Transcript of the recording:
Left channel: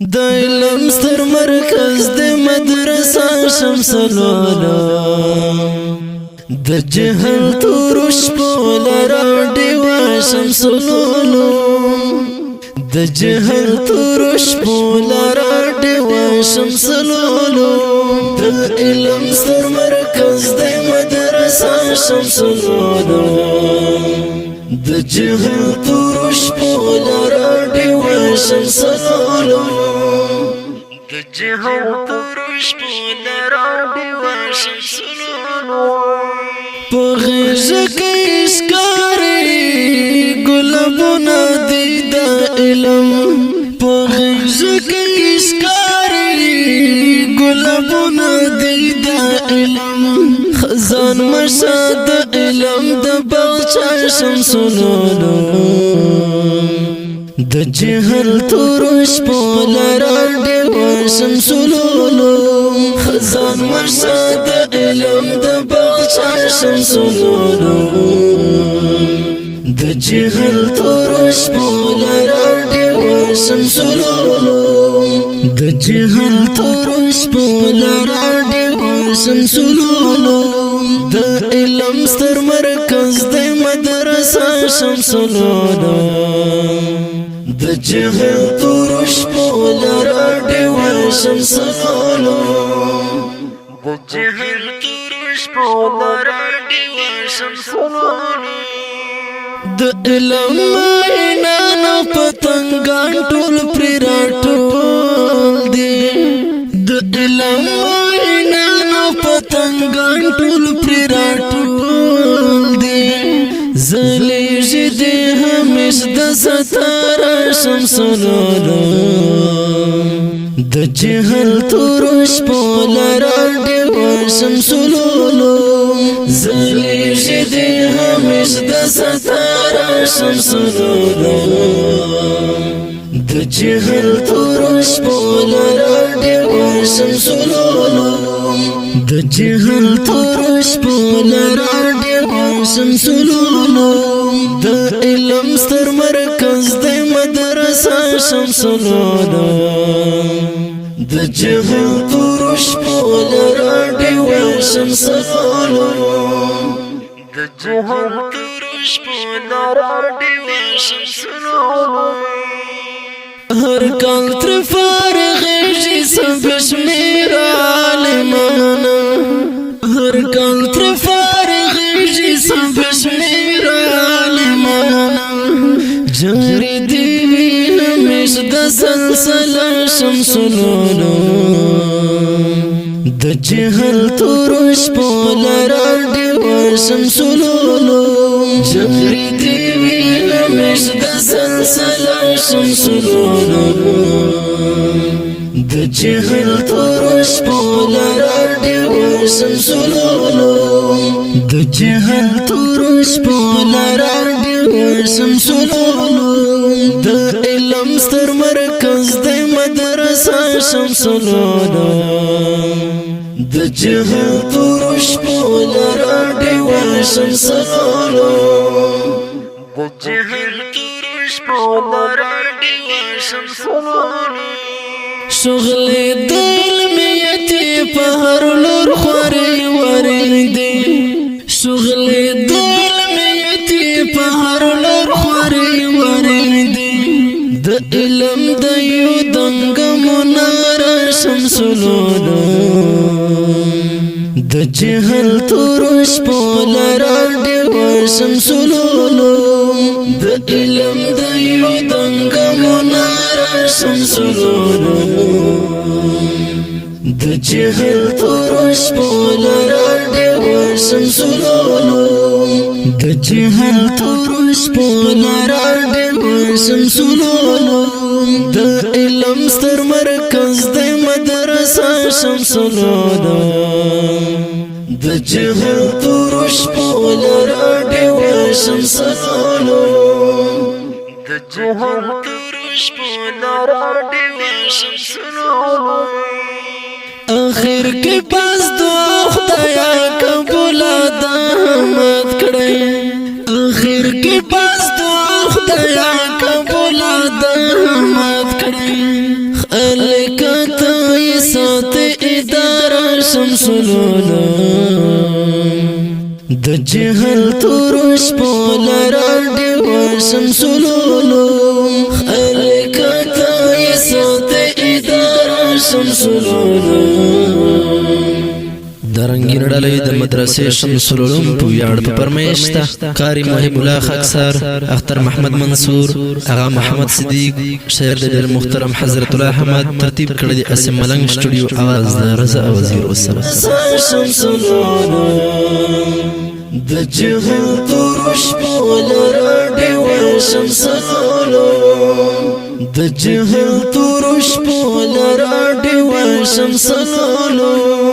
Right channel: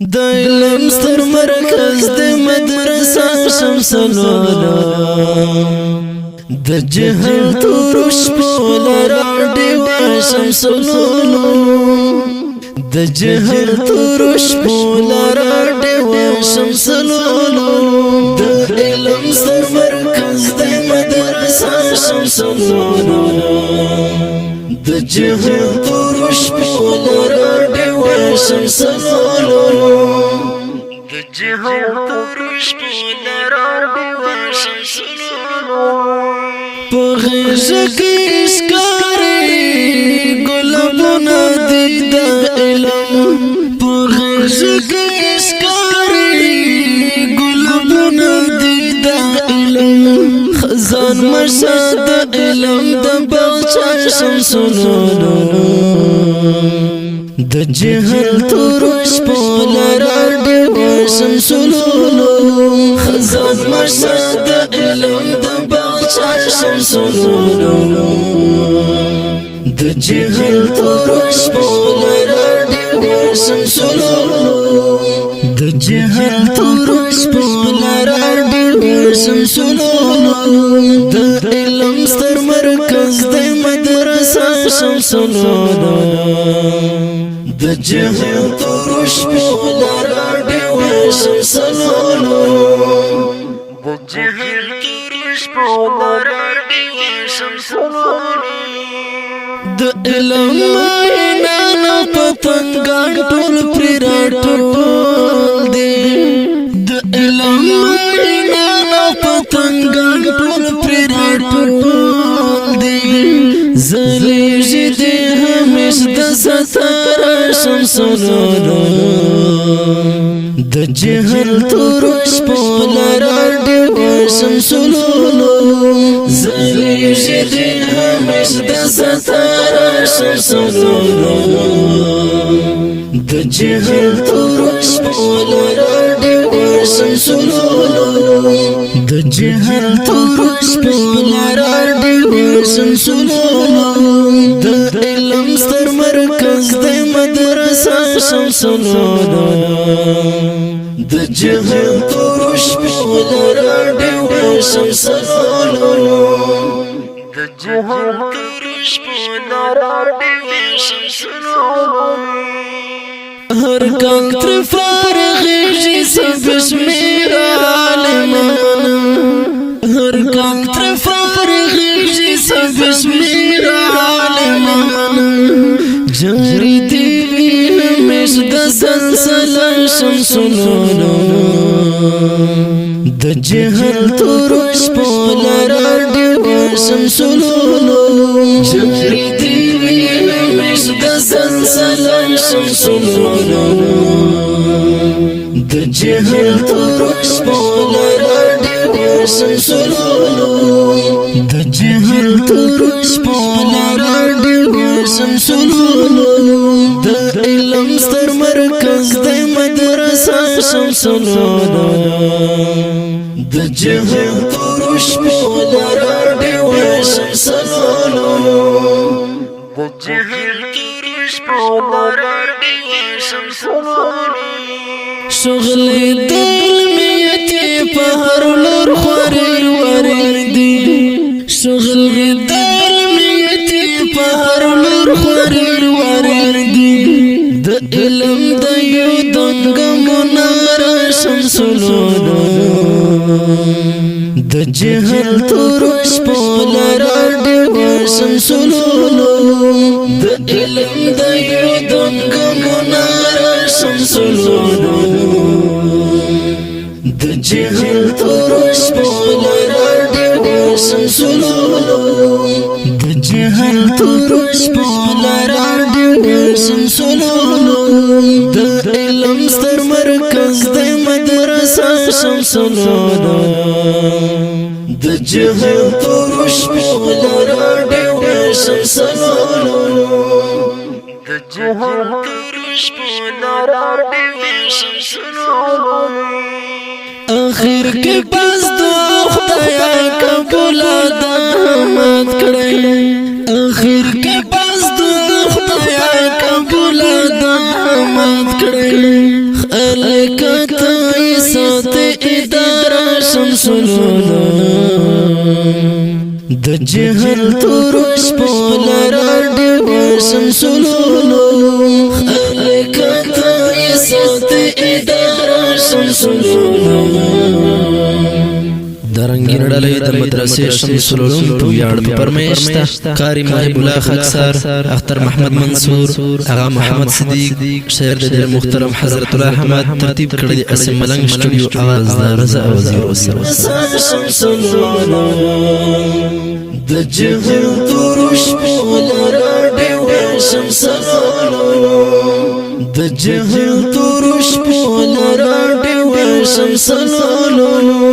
د علم ستر مرکز د مدرسه شمس العلوم د جهل تورش پولرا دیوا شمس العلوم د جهل تورش پولرا دیوا شمس العلوم د علم ستر مرکز د مدرسه شمس العلوم د جهل تورش پولرا دیوا شمس العلوم د جهل تورش پولرا دیوا شمس العلوم په غیږ کې اسکاري ګلابونه دي د علم په غیږ کې اسکاري ګلابونه دي د علم خزان مشه د علم د باغچه شمس العلوم د جهل تورش پولرا دیوا شمس العلوم خزان مشه د علم د باغچه شمس العلوم د جهل تورش پولرا دیوا شمس العلوم د جهل تورش پولرا دیوا شمس العلوم د علم ستر مرکز د مدرسه شمس العلوم د جهل تورش پولرا دیوا شمس العلوم د جهل تورش پولرا دیوا شمس العلوم د علم مینانو پتنګان ټول پر راټول دي د علم مینانو پتنګان ټول پر راټول دي زلیږي د همیش د ستاره شمس العلوم د جهل تورش پولرا دیوا شمس العلوم زلیږي د همیش د ستاره شمس العلوم د جهل تورش پولرا دیوا شمس العلوم د جهل تورش پولرا دیوا شمس العلوم د علم ستر مرکز د مدرسه شمس العلوم د جهل تورش پولرا دیوا شمس العلوم د جهل تورش پولرا دیوا شمس العلوم هر کال تر فارغیږي سبشمیر عالمان هر کال تر فارغیږي سبشمیر عالمان جاری دیوی همیش د سلسله شمس العلوم د جهل تورش پولرا دیوا شمس العلوم جاری دیوی همیش د سلسله شمس العلوم د جهل تورش پولرا دیوا شمس العلوم د جهل تورش پولرا دیوا شمس العلوم د علم ستر مرکز د مدرسه شمس العلوم د جهل تورش پولرا دیوا شمس العلوم د جهل تورش پولرا دیوا شمس العلوم شغل د علمیتی په هر لور خوري وریدي شغل د علمیتی په هر لور خوري وریدي د علم د یو دنګ مناره شمس العلوم د جهل تورش پولرا دیوا شمس العلوم د علم د یو دنګ مناره شمس العلوم د جهل تورش پولرا دیوا شمس العلوم د جهل تورش پولرا دیوا شمس العلوم د علم ستر مرکز د مدرسه شمس العلوم د جهل تورش پولرا دیوا شمس العلوم د جهل تورش پولرا دیوا شمس العلوم اخر کې پاس دعا خدایا قبول د احمد کړی اخر کې پاس دعا خدایا قبول د احمد کړی الکتا سات ادارہ شمسلولو د جهل تورش پولرا دیو شمسلولو الکتا سات ادارہ شمسلولو درنګین ډلې د مدرسې شمس العلوم په ویاړ په پرمیشته قاری محب الله خاکسار اختر محمد منصور اغا محمد صدیق شاعر د محترم حضرت الله احمد ترتیب کړی د اسم ملنګ سټوډیو आवाज د رضا وزیر والسلام د جهل تورش پولرا دیو شمس العلوم د جهل تورش پولرا دیو شمس العلوم